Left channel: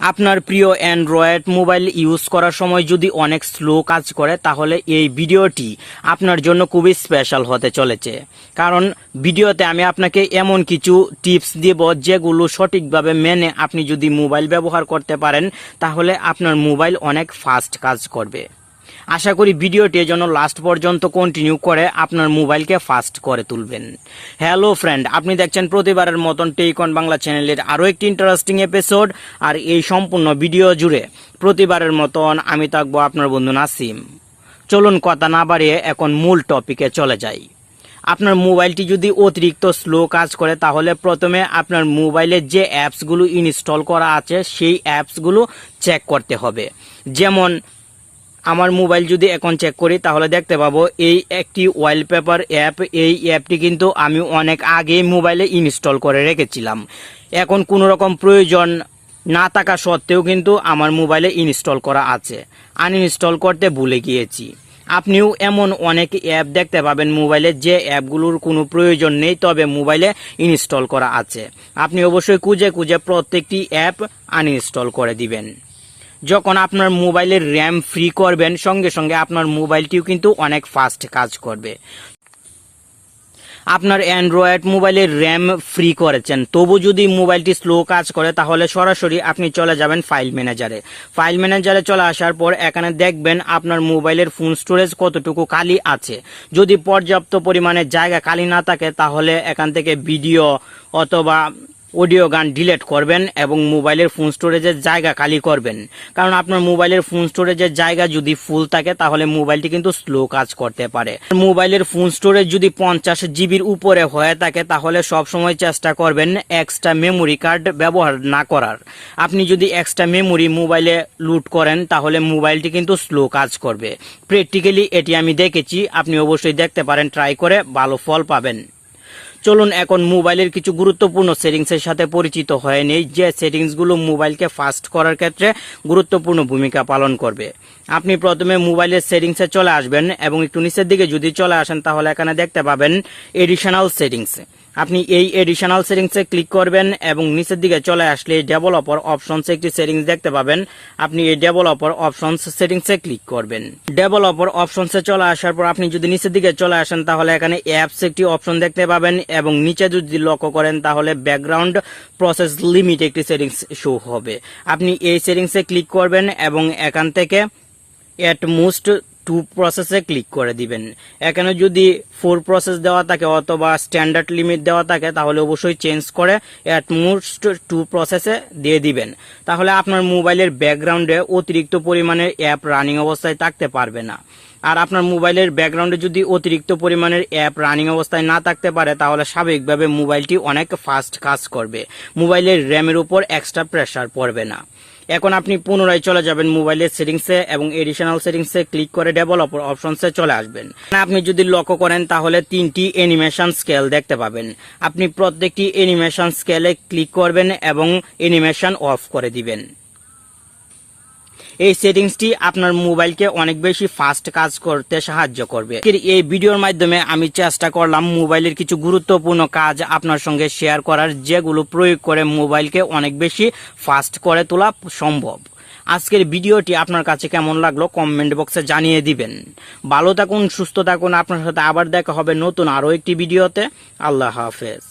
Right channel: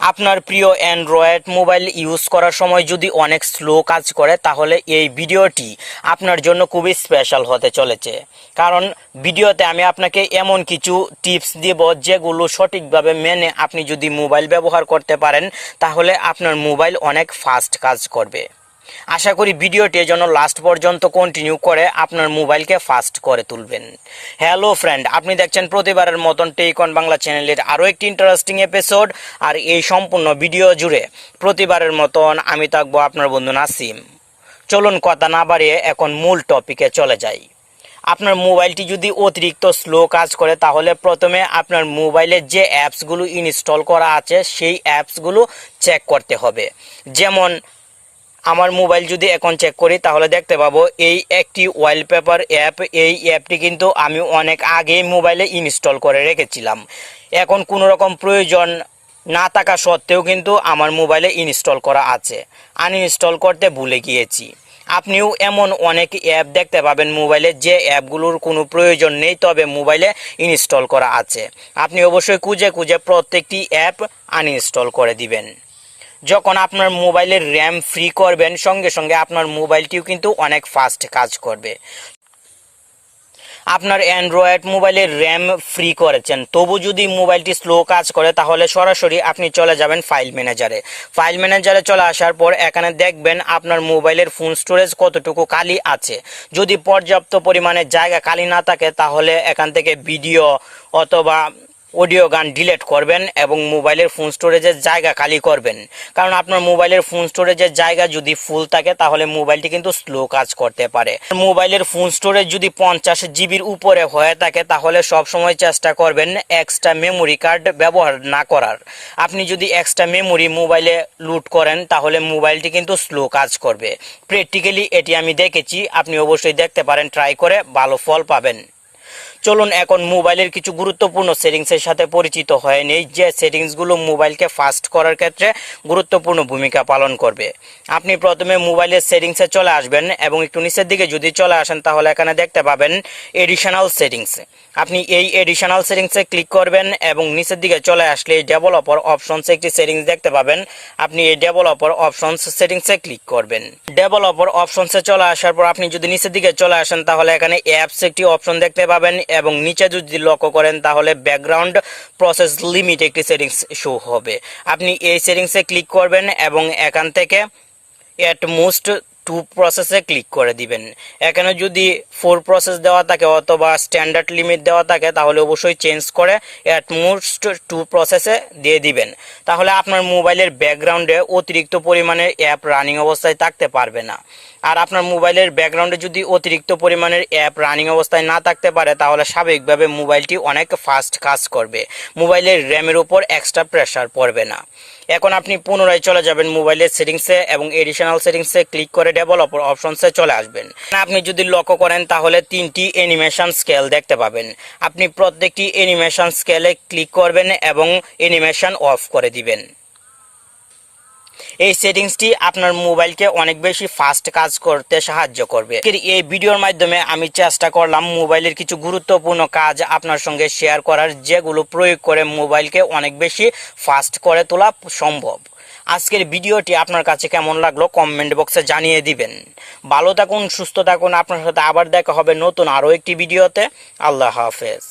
আপনার প্রিয় Android mobile use করার সময় যদি অনেক স্লো কাজ করে তাহলে এই ভিডিওটি আপনার জন্য খুবই স্পেশাল হতে চলেছে। কারণ ভিডিওতে আমি আপনাকে এমন কিছু টিপস দেব যেগুলো সঠিকভাবে মেনে আপনি যদি মোবাইল ব্যবহার করতে পারেন তাহলে আপনার মোবাইল অনেক ফাস্ট কাজ করবে। আশা করি ভিডিওটি জন্য লাস্ট পর্যন্ত কন্টিনিউ করে আপনার মোবাইলকে ফাস্ট করে তুলবেন। হ্যালো ফ্রেন্ড, আপনি দেখছেন প্রতিবারের মতন টেকন বাংলা চ্যানেলের আরও একটি ইন্টারেস্টিং এপিসোড। আর এই সম্পূর্ণ ভিডিও জুড়ে প্রতিবারের মতন আমি থাকবো আপনার বন্ধু নাসিম। চলুন কথা না বাড়িয়ে এখন মূল টপিকে চলে যাই। আপনার মোবাইলটি যদি অতিরিক্ত স্লো কাজ করে তাহলে প্রথমে আপনার মোবাইলে যে অ্যাপসগুলো ইনস্টল করা আছে সেই অ্যাপসগুলো চেক করতে হবে। যেমন আমার মোবাইল যদি এখন চেক করি তাহলে দেখতে পাবো এই একটি ওয়ালপেপার অ্যাপ। এই অ্যাপটি কিন্তু আমি অনেক আগেই মোবাইলে ইনস্টল করে রেখেছিলাম। এখন কোনো রকম প্রয়োজন না থাকা সত্ত্বেও কিন্তু আমার মোবাইলে ইনস্টল করা আছে, আনইনস্টল করতে ভুলে গিয়েছি। আপনিও এমন অনেক অ্যাপ দেখতে পাবেন মোবাইলে যে অ্যাপগুলোর কোনো প্রয়োজন নেই তবে মোবাইলে ইনস্টল করা আছে। আপনি অবশ্যই খুঁজে খুঁজে প্রত্যেকটি অ্যাপ আনইনস্টল করে দিবেন। যখন আপনার মোবাইলের র্যাম ফ্রি করবেন সঙ্গে সঙ্গে আপনার মোবাইলটিও কিন্তু অনেক ফাস্ট কাজ করবে। আপনার অ্যান্ড্রয়েড মোবাইলের র্যাম ফ্রি করেছেন তবু যদি মোবাইলটি স্লো কাজ করে তাহলে সরাসরি আপনি চলে যাবেন ফাইল ম্যানেজারে। ফাইল ম্যানেজারে চলে আসার পর এখানে দেখবেন আপনার মোবাইলের ফোন স্টোরেজ কতটুকু খালি আছে। যদি পর্যাপ্ত পরিমাণে জায়গা খালি না থাকে তাহলে এখান থেকে ভিডিও অথবা অডিও গান ডিলিট করবেন এবং মোবাইলের ফোন স্টোরেজের জায়গা খালি করবেন। কারণ আপনার মোবাইলের ফোন স্টোরেজের জায়গা যদি ফুল থাকে তাহলে মোবাইলটি কিন্তু স্লো কাজ করতে পারে। মোবাইলের ফোন স্টোরেজ যদি 50 জিবির উপরে হয়ে থাকে তাহলে সবসময় চেষ্টা করবেন এক্সট্রা মেমোরি কার্ড ব্যবহার না করার। আপনি যদি এক্সট্রা মেমোরি মোবাইলে লুট করেন তাহলে মোবাইলটি কিন্তু স্লো কাজ করবে। প্র্যাকটিক্যালি এটি আমি দেখেছি, আপনি অবশ্যই দেখতে পারেন, ট্রাই করে ভালো ফল পাবেন। চলুন এখন মোবাইলের কিছু গুরুত্বপূর্ণ সেটিংসের সাথে পরিচিত হয়ে নেই যে সেটিংসগুলো মোবাইলকে ফাস্ট করার ক্ষেত্রে গুরুত্বপূর্ণ ভূমিকা পালন করবে। আপনি প্রথমে মোবাইলের সেটিংসে চলে আসবেন এবং একটু নিচের দিকে যদি চলে আসেন তাহলে এখানে দেখতে পাবেন এডিশনাল সেটিংস। আপনি এই এডিশনাল সেটিংসে ক্লিক করবেন এবং নিচের দিকে চলে আসলে ডেভেলপার অপশনসে একটি সেটিংস দেখতে পাবেন। আপনি এই ডেভেলপার অপশনস সেটিংসে ক্লিক করবেন। ডেভেলপার অপশনসে চলে আসার পর আপনি যদি নিচের দিকে চলে আসেন তাহলে এখানে অ্যাপস একটি অপশন দেখতে পাবেন এবং নিচে যদি লক্ষ্য করেন তাহলে ব্যাকগ্রাউন্ড প্রসেস লিমিট একটি সেটিংস শো হবে। আপনি এই সেটিংসে ক্লিক করবেন এবং এখান থেকে এট মোস্ট 2 প্রসেসে ক্লিক করে দিবেন। এখানে যদি 4 প্রসেস দেওয়া থাকে অথবা স্ট্যান্ডার্ড লিমিট দেওয়া থাকে তাহলে অবশ্যই চেঞ্জ করে এট মোস্ট 2 প্রসেসে দিয়ে দিবেন। তাহলে আপনার মোবাইলের ব্যাকগ্রাউন্ডে অতিরিক্ত পরিমাণের অ্যাপ রানিং অবস্থায় থাকতে পারবে না। আর আপনার মোবাইলের ব্যাকগ্রাউন্ডে যদি অতিরিক্ত পরিমাণের অ্যাপ রানিং অবস্থায় না থাকতে পারে তাহলে স্বাভাবিকভাবে মোবাইলটি অনেক ফাস্ট কাজ করবে। মোবাইলের র্যামের উপর এক্সট্রা প্রেসার পড়বে না। এখন আপনি পুনরায় চলে যাবেন মোবাইলের সেটিংসে এবং এডিশনাল সেটিংসে ক্লিক করে ডেভেলপার অপশনসে চলে আসবেন। আপনি যদি লক্ষ্য করেন তাহলে 3টি অ্যানিমেশন স্কেল দেখতে পাবেন। আপনি প্রত্যেকটি অ্যানিমেশন স্কেলে ক্লিক করবেন এবং অ্যানিমেশন অফ করে দিবেন। এই সেটিংসটি আপনার মোবাইলকে অনেক বেশি ফাস্ট কাজ করতে সাহায্য করবে। এই ভিডিওর মাধ্যমে আমি চেষ্টা করলাম মোবাইলের কিছু গুরুত্বপূর্ণ কাজ আপনার সঙ্গে শেয়ার করার যেগুলো প্রয়োগ করে মোবাইলকে অনেক বেশি ফাস্ট করে তোলা সম্ভব। আজকের ভিডিওটি আপনার কাছে কেমন লাগলো কমেন্ট বক্সে জানিয়ে দিবেন। ভালো থাকুন, সুস্থ থাকুন। আপনার সাথে আবার দেখা হবে নতুন আরও একটি ভিডিওতে। আল্লাহ হাফেজ।